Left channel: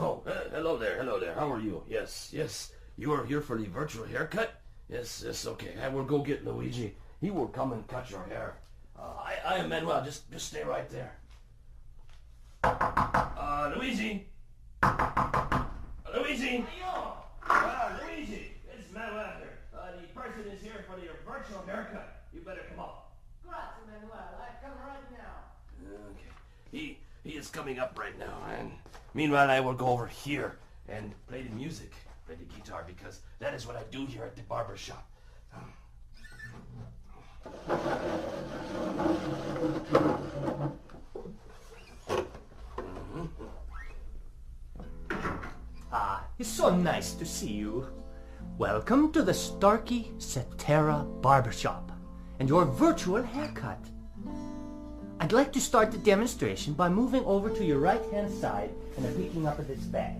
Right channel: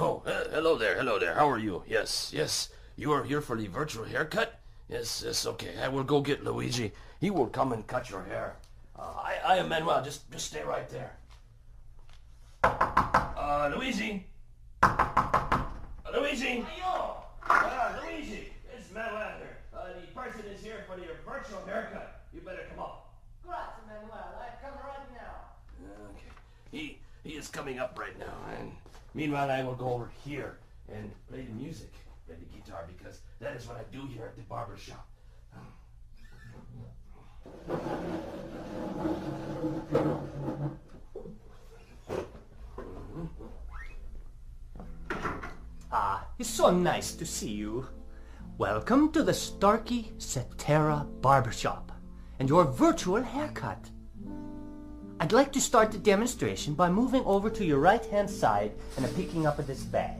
Oh, hello there. How are you? Yes. You are here for the virtual haircut? Yes, okay. I will go get Luigi. He will come and cut your hair. I am Manuel. Just stay right there. Luigi? Luigi? Luigi, it's Manuel here. The person is here for your virtual haircut. You better come up. Grazie, Manuel. I come right now. Okay. He is coming up right now, and meanwhile I will go over here and play the music, play the guitar, because that is what I do here at the barber shop. It's so nice to see you. Welcome to the Thalathiya Barbershop and your virtual haircut. I'd like to start the demonstration by moving over to your right-hand side and picking up this bag.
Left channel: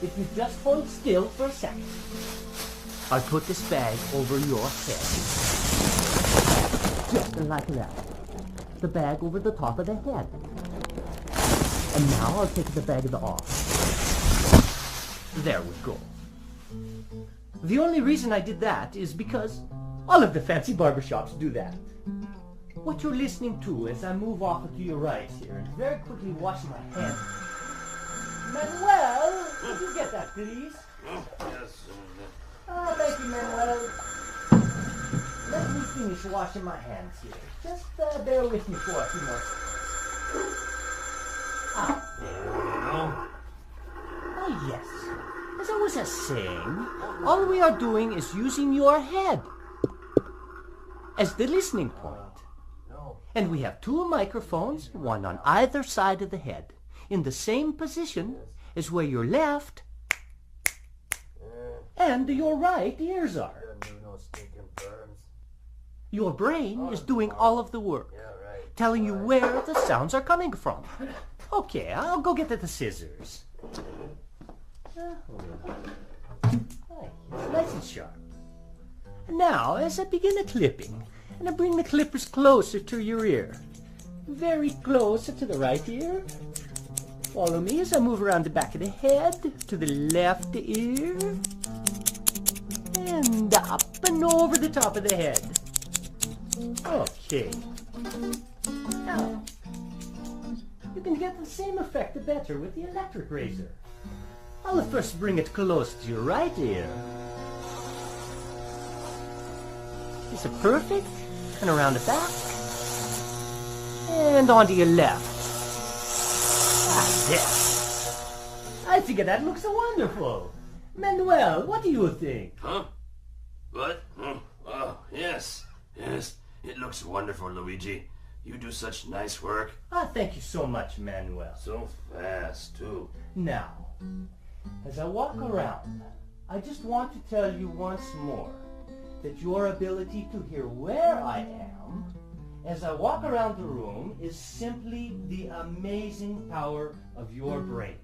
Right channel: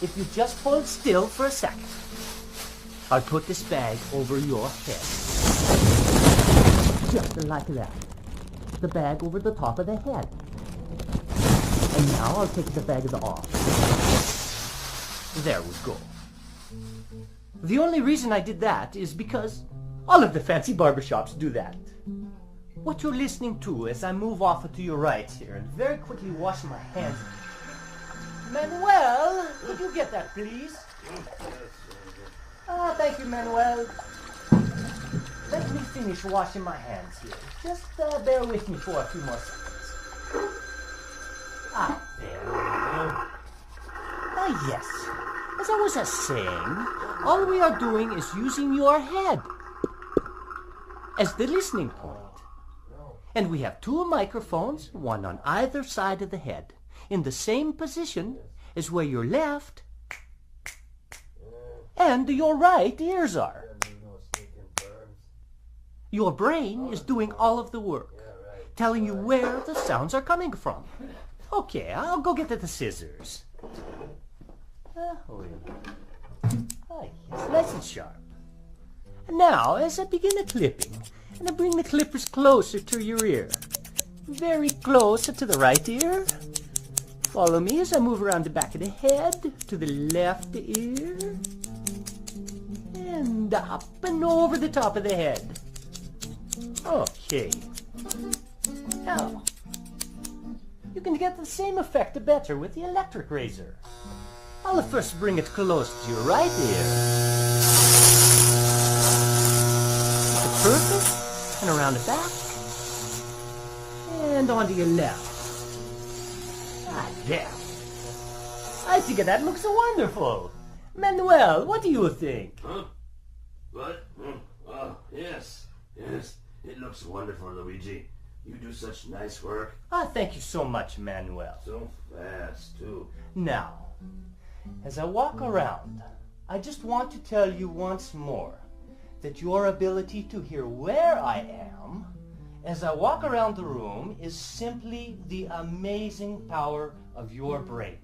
If you just hold still for a second, I'll put this bag over your head. Just like that. The bag over the top of the head. And now I'll take the bag off. There we go. The only reason I did that is because all of the fancy barbershops do that. What you're listening to as I move off to your right here and very quickly wash my hands. Manuel, could you get that, please? Yes. Thank you, Manuel. Let me finish washing my hands here. Just bear with me for a few more seconds. There we go. Yes. As I was saying, all we are doing is using your head as the listening point. And we have two microphones, one on either side of the head, in the same position as where your left and your right ears are. Your brain is doing all of the work, telling you where the sounds are coming from. Okay, I'll go get the scissors. It's nice and sharp. Now, as I begin the clipping, and I bring the clippers closer to your ear, very close to the right ear. Follow me as I move around the back of the head to the left ear, and up and over the top of the head. Okay. Now, you can get the same effect better with the electric razor. I'll first bring it close to your right ear. It's perfect, and around the back, and onto your left. There. I think that looks wonderful. Manuel, what do you think? Huh? What? Oh, yes. It looks wonderful, Luigi. You do such nice work. Thank you so much, Manuel. So fast, too. Now, as I walk around, I just want to tell you once more that your ability to hear where I am as I walk around the room is simply the amazing power of your brain.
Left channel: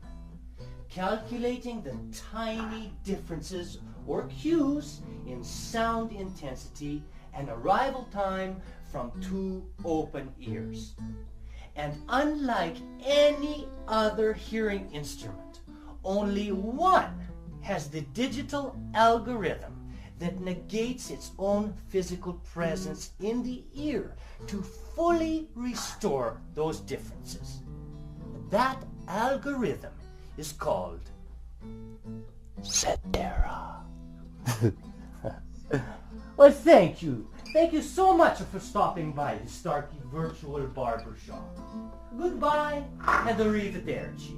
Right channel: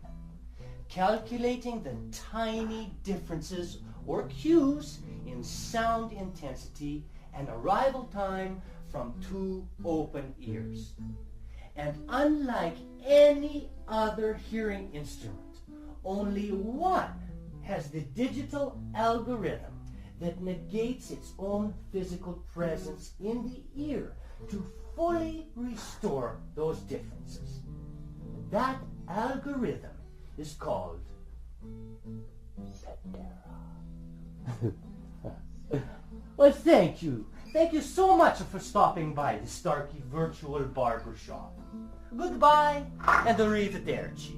Calculating the tiny differences or cues in sound intensity and arrival time from two open ears. And unlike any other hearing instrument, only one has the digital algorithm that negates its own physical presence in the ear to fully restore those differences. That algorithm is called Thalathiya. Well, thank you. Thank you so much for stopping by the Starkey Virtual Barbershop. Goodbye and arrivederci.